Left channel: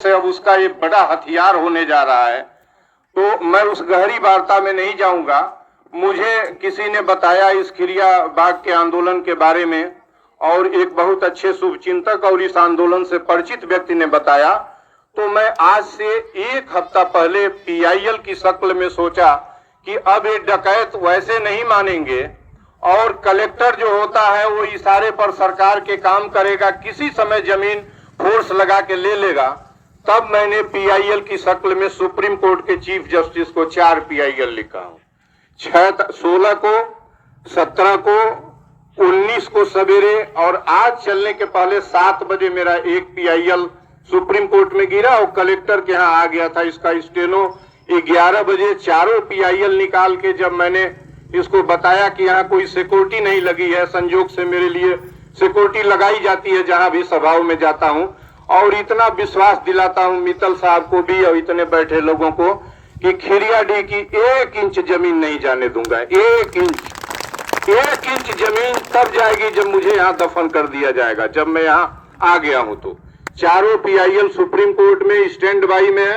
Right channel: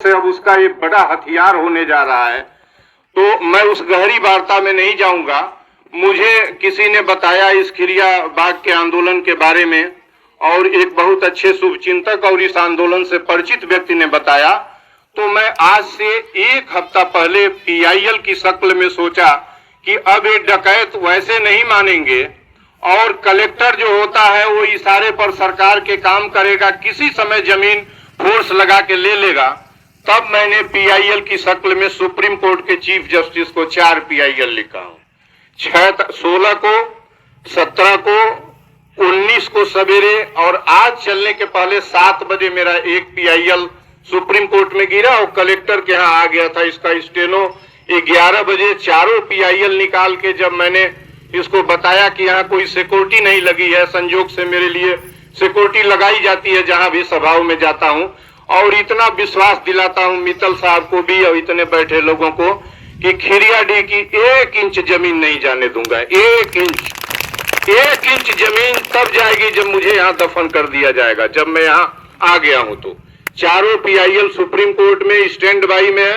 से अब उसका एक बड़ा हथियार होने जा रहा है। तो मैं उस गहरी वार्ता में नहीं जाऊंगा। मुझे किसी ने बताया इस खिरिया बाग के आंदोलन के बारे में, और एक बहुत अच्छे शुभचिंतक और इस आंदोलन से परिचित व्यक्ति ने बताया। तो मैं आज से एक हफ्ता पहले पीआईएल की शक्ल में सोचा कि अब ये डकैत वैसे नहीं मानेंगे, और कलेक्टर जो होता है वो इशारे पर सरकार के काम करेगा, किसी समय जमीन फोर्स लगा के ले लेगा। तब मैंने पीआईएल की शक्ल में सुप्रीम कोर्ट के चीफ जस्टिस को 4 पीआईएल लिखा हूं। 16 को, 17 को, 19 को सवेरे, और आज चलने के पहले 7 बजे मेरा एक पीआईएल सुप्रीम कोर्ट में गिरा और कलेक्टर के यहाँ आ गया था। इसका स्टेनो 11 बजे चारों पीआईएल निकाल के जब मैंने इसको बताया कि यहाँ कोई सिक्योरिटी नहीं लगी है, संजोग से मेरे लिए सिक्योरिटी लगाई जाती है जहां भी सभाओं में जाता हूं, और इतना विश्वास दिलाता हूं मित्तल साहब को भी और इतने बैठे लोगों को कि खिरियाडीह की 1 इंच जमीन नहीं जाने दूंगा। 1 इंच जमीन तब जाएगी जब मुझे यहाँ दफन कर दिया जाएगा, जब मैं यहाँ आ गया हूं। तो चारों पीआईएल सुप्रीम कोर्ट में स्टैंड बाई में है,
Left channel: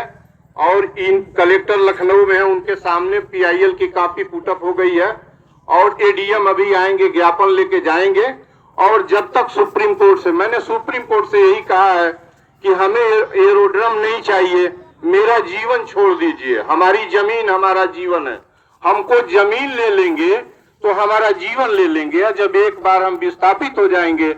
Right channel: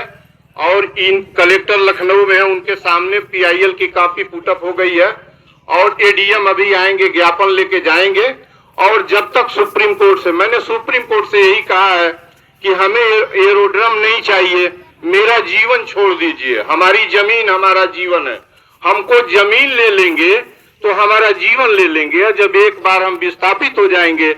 और इन कलेक्टर लखनऊ में है, उनके सामने पीआईएल की कॉपी पुटअप हो गई है, और एडीएम अभी आएंगे, ज्ञापन लेके जाएंगे। और जब तक सुप्रीम कोर्ट से, मैंने सुप्रीम कोर्ट से यही कहा है कि हमें एरोड्रम नहीं चाहिए, मेरा जीवन छोड़ दीजिए, हमारी जमीन हमारा जीवन है, हमको जमीन ले लेंगे तो हमारा जीवन ले लेंगे। जब एक बार हम विस्थापित हो जाएंगे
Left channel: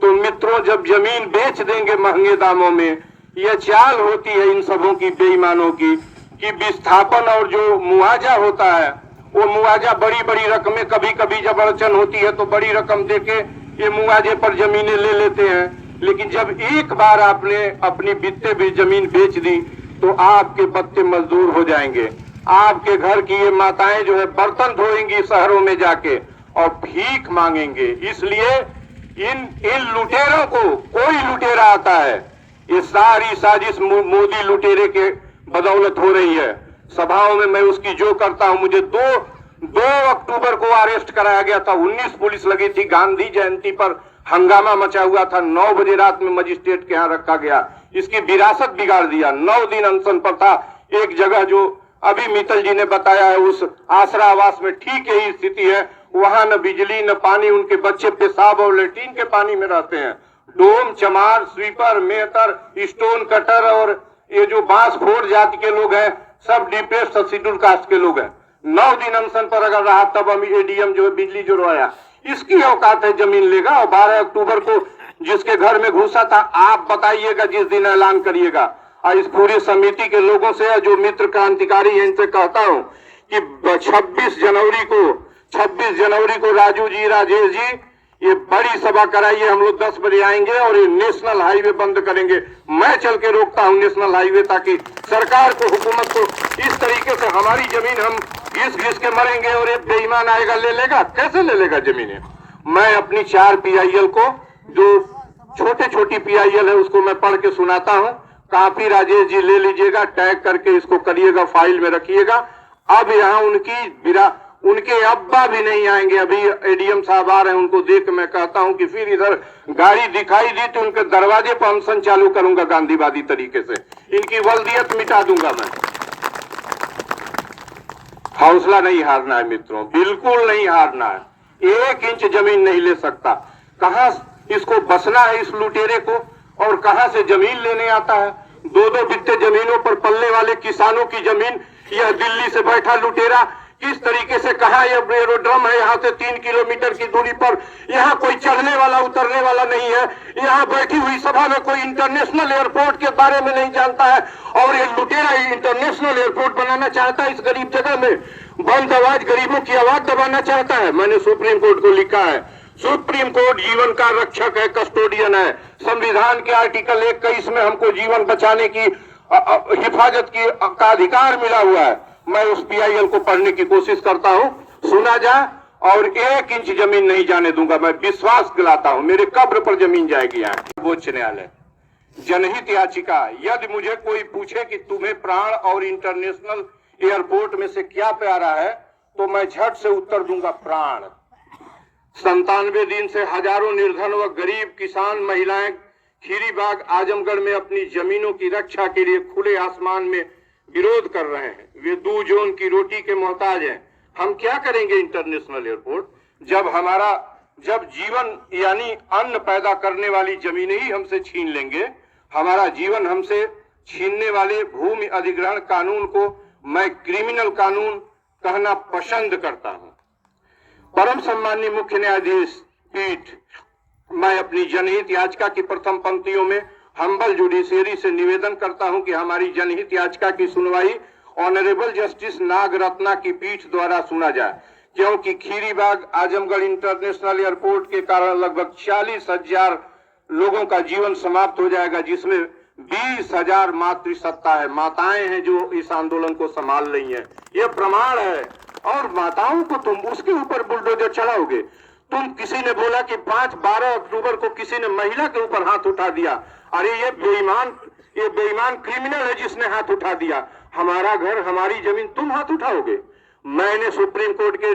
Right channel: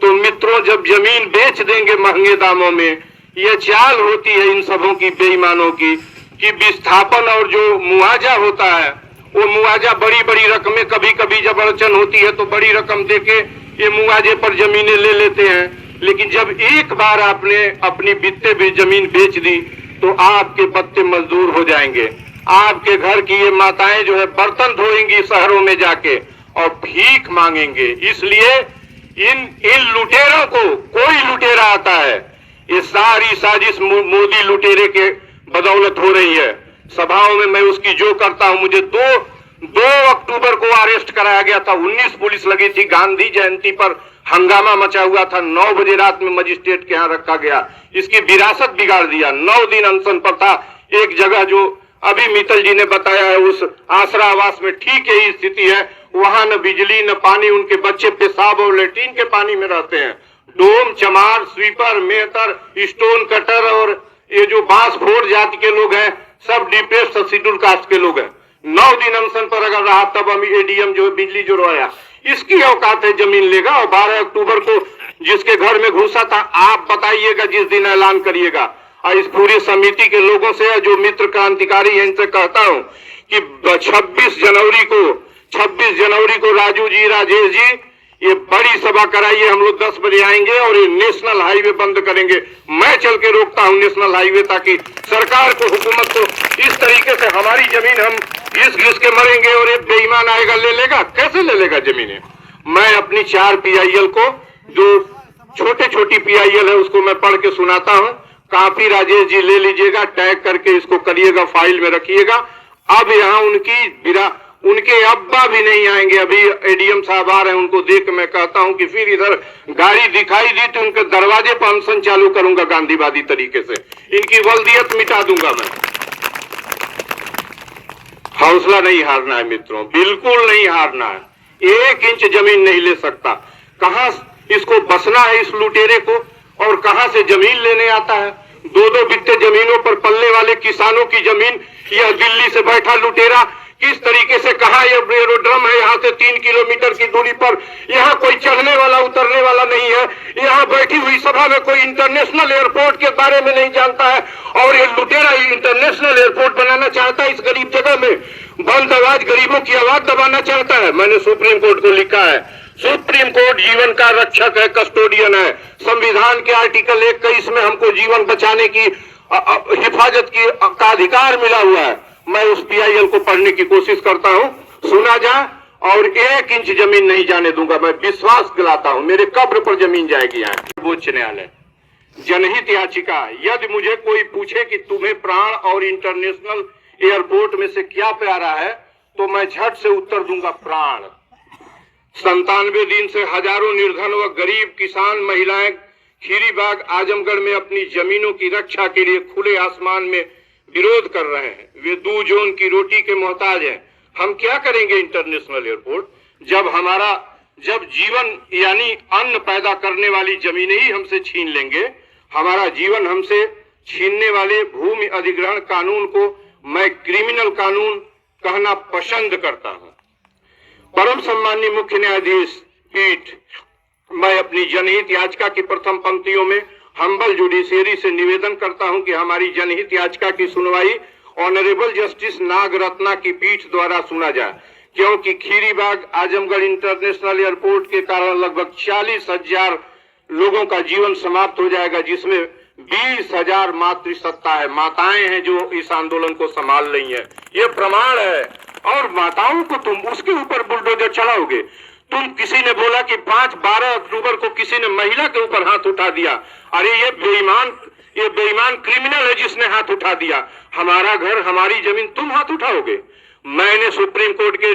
तो मित्रों, जब जमीन बेच देंगे महंगे दामों में, यह चाल होती है इन सबों की, बेईमानों की, कि विस्थापन और जो मुआवजा होता है वो मुआवजा बड़ी बड़ी रकमें, कभी कभी जब अड़चन होती है तो बड़ी रकम देके ये मुआवजे पर जमीनें ले लेते हैं। लेकिन जब एक बार आपने अपनी बित्ते भी जमीन बेच दी तो आपके पत्ते मजदूर हो जाएंगे। आपके घर की ये माताएं जो है बर्तन धोएंगी शहरों में जाके और भीख मांगेंगे। इसलिए इन लुटेरों को, कोई लुटेरा आता है, ये सारी साजिश मोदी लुटेरे के बदौलत हो रही है। सभाओं में मैं उसकी जो करता हूं, मुझे 2 अक्टूबर को अरेस्ट कराया गया था, 19 पुलिस लगी थी, गांधी जयंती पर हंगामा मचा हुआ था, 9 बजे रात में मजिस्ट्रेट के यहाँ रखा गया, इसकी विरासत बिगाड़ दिया। 9 दिन अनशन पर था। एक जगह जो अभी मित्तल जी ने बताया है, उस आसरा आवास में ठीक यही स्थिति है, वहां न बिजली न पानी, उनके बच्चे पेशाब और लेट्रिन के पानी में रहते हैं। डोम, चमार, स्वीपर, मेहतर, स्टोन कटर और ये जो बांसफोर जाति के लोग हैं, सब डिप्रेस्ड शेड्यूल कास्ट के लोग हैं। 9 दिन अनशन पर अगर रहा तब हम एडीएम जो बिजली जो रोया, इसकी औकात है जमीन लेगा। और 12 अक्टूबर को जिसके घर में घुसा था, आप बताइएगा जिस दिन ऐलान करिएगा। और इस पूरी समिति के लोगों से, जो मित्र क्रांतिकारी है, इनसे कहता हूं कि 26 जनवरी को राजू जी, राजेश जी, ये बड़ी सभा कराइए। हम लोग 10 बजे आएंगे और ये नेशनल हाईवे बंद करेंगे। मैं चल के रोकता हूं नेशनल हाईवे, ताकि सरकार को, हुकूमत को, इस तरीके से हमारी जमीन हम घिस के मरेंगे और एक बेईमान आएगा ले लेगा। कैसे ले लेगा जमीनें? मैं अपनी 4 पीआईएल को, जो छोटी पीआईएल है, उसको मैं पढ़ के सुनाता हूं। काफी राजेश जी ले लीजिएगा, टैग करके इसको करिएगा, फाइल में रखिएगा। अब यहाँ उनके अब्बा भी नहीं आएंगे। अभी एडीएम साहब आ रहे हैं, उनको देख मैं कहता हूं कि फिर इधर गाड़ी दिखाई दी तो उनके दरवाजे पर अनशन चालू करूंगा गांधीवादी तरीके से, इनकी वल्दियत मिटा दूंगा मैं। हौसला नहीं हारना है मित्रों, बिल्कुल नहीं हारना है। 1 इंच जमीन नहीं ले सकता। कहां इसको बसना है इस लुटेरे को, और कहां से जमीन लेने आता है? 2-2 बित्ते जमीनों पर पलने वाले किसानों की जमीन, यह दिल्ली से बैठा लुटेरा किस तरीके से, कहा यह एरोड्रम है यहाँ से 3 किलोमीटर की दूरी पर, यहाँ कोई चढ़ने वाला उतरने वाला नहीं है। यहाँ बैठी हुई सभा में कोई इंटरनेशनल एयरपोर्ट के बारे में नहीं जानता है, और ये लुटेरा इंटरनेशनल एयरपोर्ट बनाना चाहता है इस गरीब जगह में, बंद आवाज, गरीबों की आवाज दबाना चाहता है। मैंने सुप्रीम कोर्ट को लिखा है, सुप्रीम कोर्ट जीवन का रक्षक है, कस्टोडियन है। संविधान के आर्टिकल 21 में हमको जीवन बचाने की, हिफाजत का अधिकार मिला हुआ है। मैं उस पीआईएल को पढ़ने की कोशिश करता हूं, सुना जाए, और 1 इंच जमीन नहीं जाने दूंगा। मैं विश्वास दिलाता हूं, मेरे कब्र पर जमीन जाएगी। यहाँ सर्वोच्च न्यायालय जनहित याचिका, यदि मुझे कोई पूछे कि तुम्हें प्राण और इंटरनेशनल एयरपोर्ट में से क्या प्यारा है, तो मैं झट से उत्तर दूंगा, प्राण। 97 दिन से हजारों निर्धन व गरीब किसान, महिलाएं खीरीबाग आजमगढ़ में अपनी जमीनों की रक्षा के लिए खुले आसमान में विरोध कर रहे हैं। वे 2 जोन की रोटी के मोहताज हैं। हम क्या करेंगे इंटरनेशनल एयरपोर्ट, जब जीवन यानी अन्न पैदा करने वाली जमीनें ही हमसे छीन लेंगे। हमारा जीवन हमसे छीनने वाले भूमि अधिग्रहण कानून को मैं क्रिमिनल कानून कहना पसंद करता हूं। परम सम्माननीय मुख्य न्यायाधीश पीठ, मैं अपनी जनहित याचिका की प्रथम पंक्तियों में हम्बल जुडिशियरी से निवेदन करता हूं कि हमारी जनहित याचिका की सुनवाई ऑनरेबल जस्टिस नागरत्ना की पीठ द्वारा सुना जाए, क्योंकि खीरीबाग आजमगढ़ इंटरनेशनल एयरपोर्ट के कारण लगभग 40,000 लोगों का जीवन समाप्त हो जाएगा, जिसमें 20,000 मातृसत्ता है, माताएं हैं जो इस आंदोलन को संभाल रही हैं। ये प्रमाण है। और माताओं को तुम उसके ऊपर बुलडोजर चलाओगे। तुम किसी ने बोला कि 5-12 अक्टूबर को किसी ने महिला के ऊपर हाथ उठा दिया। अरे ये बेईमान क्रिमिनल है जिसने हाथ उठा दिया। हमारा घर हमारी जमीन तुम हाथ उठाओगे। मैंने सुप्रीम कोर्ट के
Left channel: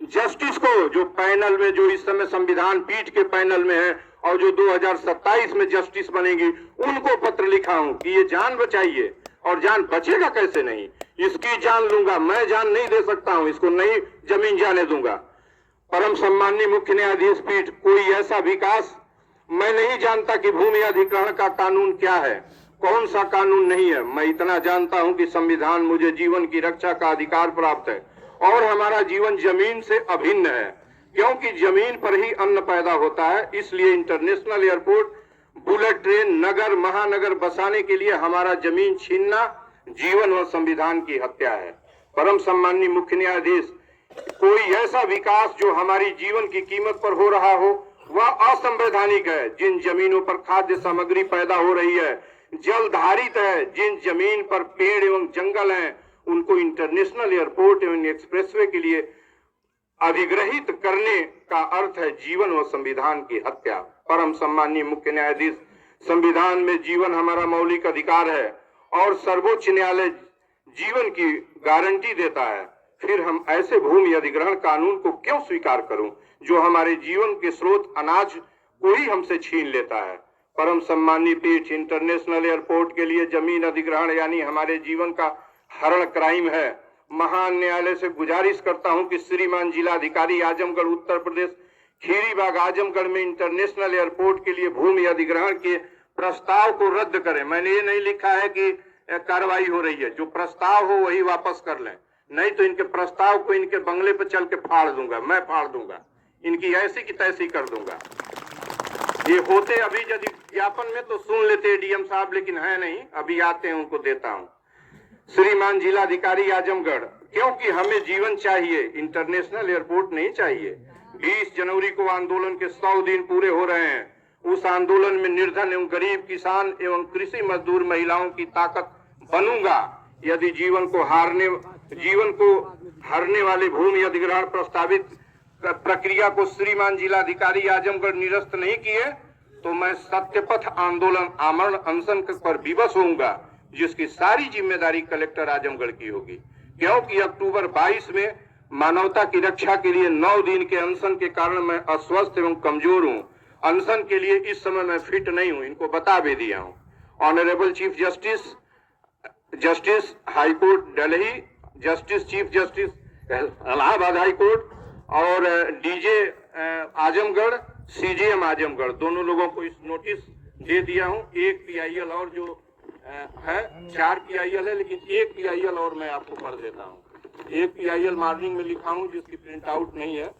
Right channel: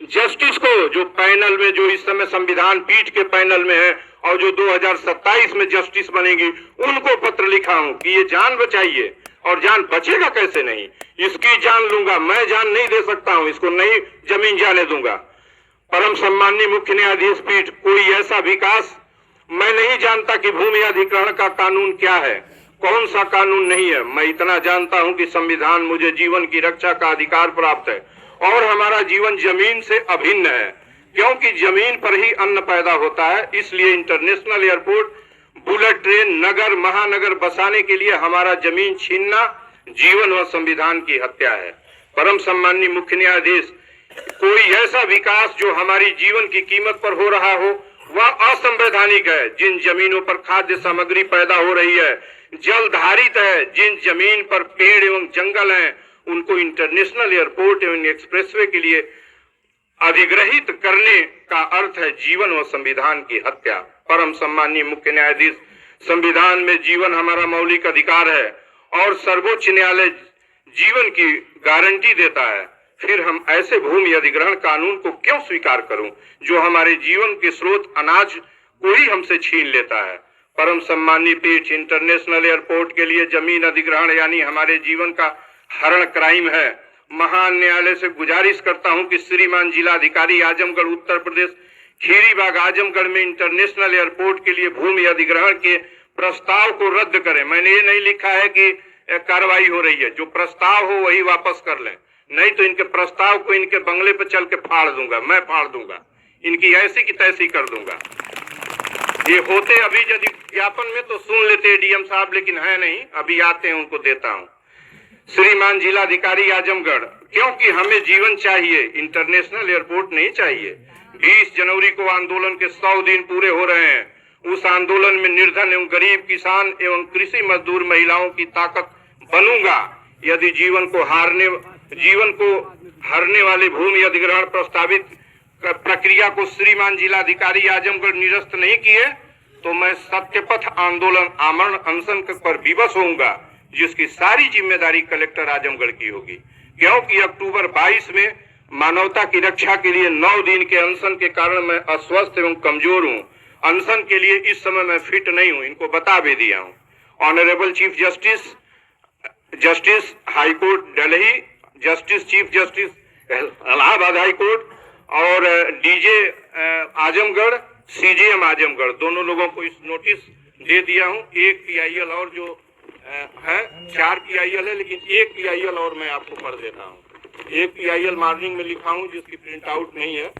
जस्टिस को, जो पैनल में, जो इस समय संविधान पीठ के पैनल में है और जो 2027 में जस्टिस बनेगी, उनको पत्र लिखा हूं कि ये जान बचाइए। और जान बचेगा कैसे नहीं, इसकी जान लूंगा मैं, जान नहीं दे सकता हूं, इसको नहीं जमीन जाने दूंगा। परम सम्माननीय मुख्य न्यायाधीश पीठ, कोई ऐसा विकास मैं नहीं जानता कि भूमि अधिग्रहण का कानून क्या है, कौन सा कानून नहीं है। मैं इतना जानता हूं कि संविधान मुझे जीवन की रक्षा का अधिकार प्राप्त है और हमारा जीवन जमीन से अभिन्न है, क्योंकि जमीन पर ही अन्न पैदा होता है। इसलिए इंटरनेशनल एयरपोर्ट, बुलेट ट्रेन, नगर महानगर बसाने के लिए हमारा जमीन छीनना जीवन व संविधान की हत्या है। परम सम्माननीय मुख्य न्यायाधीश, कोई ऐसा विकास जो हमारी जीवन की कीमत पर हो रहा हो वह असंवैधानिक है। जिन जमीनों पर खाद्य सामग्री पैदा हो रही है, जलधारित है, जिन जमीन पर पेड़ एवं जंगल हैं, उनको इंटरनेशनल एयरपोर्ट एवं एक्सप्रेसवे के लिए अधिग्रहित करने का अर्थ है जीवन व संविधान की हत्या। परम सम्माननीय मुख्य न्यायाधीश, संविधान में जीवन हमारा मौलिक अधिकार है और सर्वोच्च न्यायालय जीवन की गारंटी देता है। फिर हम ऐसे भूमि अधिग्रहण कानून को क्यों स्वीकार करूं जो हमारे जीवन के स्रोत अनाज को ही हमसे छीन लेता है। परम सम्माननीय पीठ, इंटरनेशनल एयरपोर्ट के लिए जमीन अधिग्रहण यानी हमारे जीवन का हरण क्राइम है। महान न्यायालय से गुजारिश करता हूं कि श्रीमान जिलाधिकारी आजमगढ़ उत्तर प्रदेश खीरीबाग आजमगढ़ में इंटरनेशनल एयरपोर्ट के लिए भूमि अधिग्रहण के प्रस्ताव को रद्द करें। मैंने ये नहीं लिखा है कि कार्रवाई हो रही है, जो प्रस्ताव हो वही वापस कर लें, नहीं तो इनके प्रस्ताव को इनके बंगले पर चल के फाड़ दूंगा, मैं फाड़ दूंगा, इनकी ऐसी की तैसी कर दूंगा। ये होते अभी यदि ज्ञापन में तो सुन लेते डीएम साहब, लेकिन है नहीं, अभी आते हैं उनको देता हूं। श्रीमान जिलाधिकारी आजमगढ़, क्योंकि हमें जीवन चाहिए, इंटरनेशनल एयरपोर्ट नहीं चाहिए। 20 जनवरी को आंदोलन के 100 दिन पूरे हो रहे हैं। उस आंदोलन में निर्धन एवं गरीब किसान एवं कृषि मजदूर महिलाओं की ताकत बनूंगा। यदि जीवन को हारने वाले भूमि अधिग्रहण प्रस्तावित प्रक्रिया को श्रीमान जिलाधिकारी आजमगढ़ निरस्त नहीं किए तो मैं सत्यपथ आंदोलन आमरण अनशन पर विवश होऊंगा, जिसकी सारी जिम्मेदारी कलेक्टर आजमगढ़ की होगी। क्योंकि अक्टूबर 22 में मानवता की रक्षा के लिए 9 दिन के अनशन के कारण मैं अस्वस्थ एवं कमजोर हूं। अनशन के लिए इस समय मैं फिट नहीं हूं, इनको बता भी दिया हूं। Honourable chief justice high court Delhi, justice chief justice Allahabad high court और डीजे आजमगढ़, सीजेएम आजमगढ़, दोनों लोगों को इस नोटिस दे दिया हूं। एक PIL और जो है 4 PIL है, लेकिन एक PIL और मैं आपको पढ़ देता हूं। एक PIL मॉर्निंग में लिखा हूं जिसकी प्रिंट आउट नहीं है।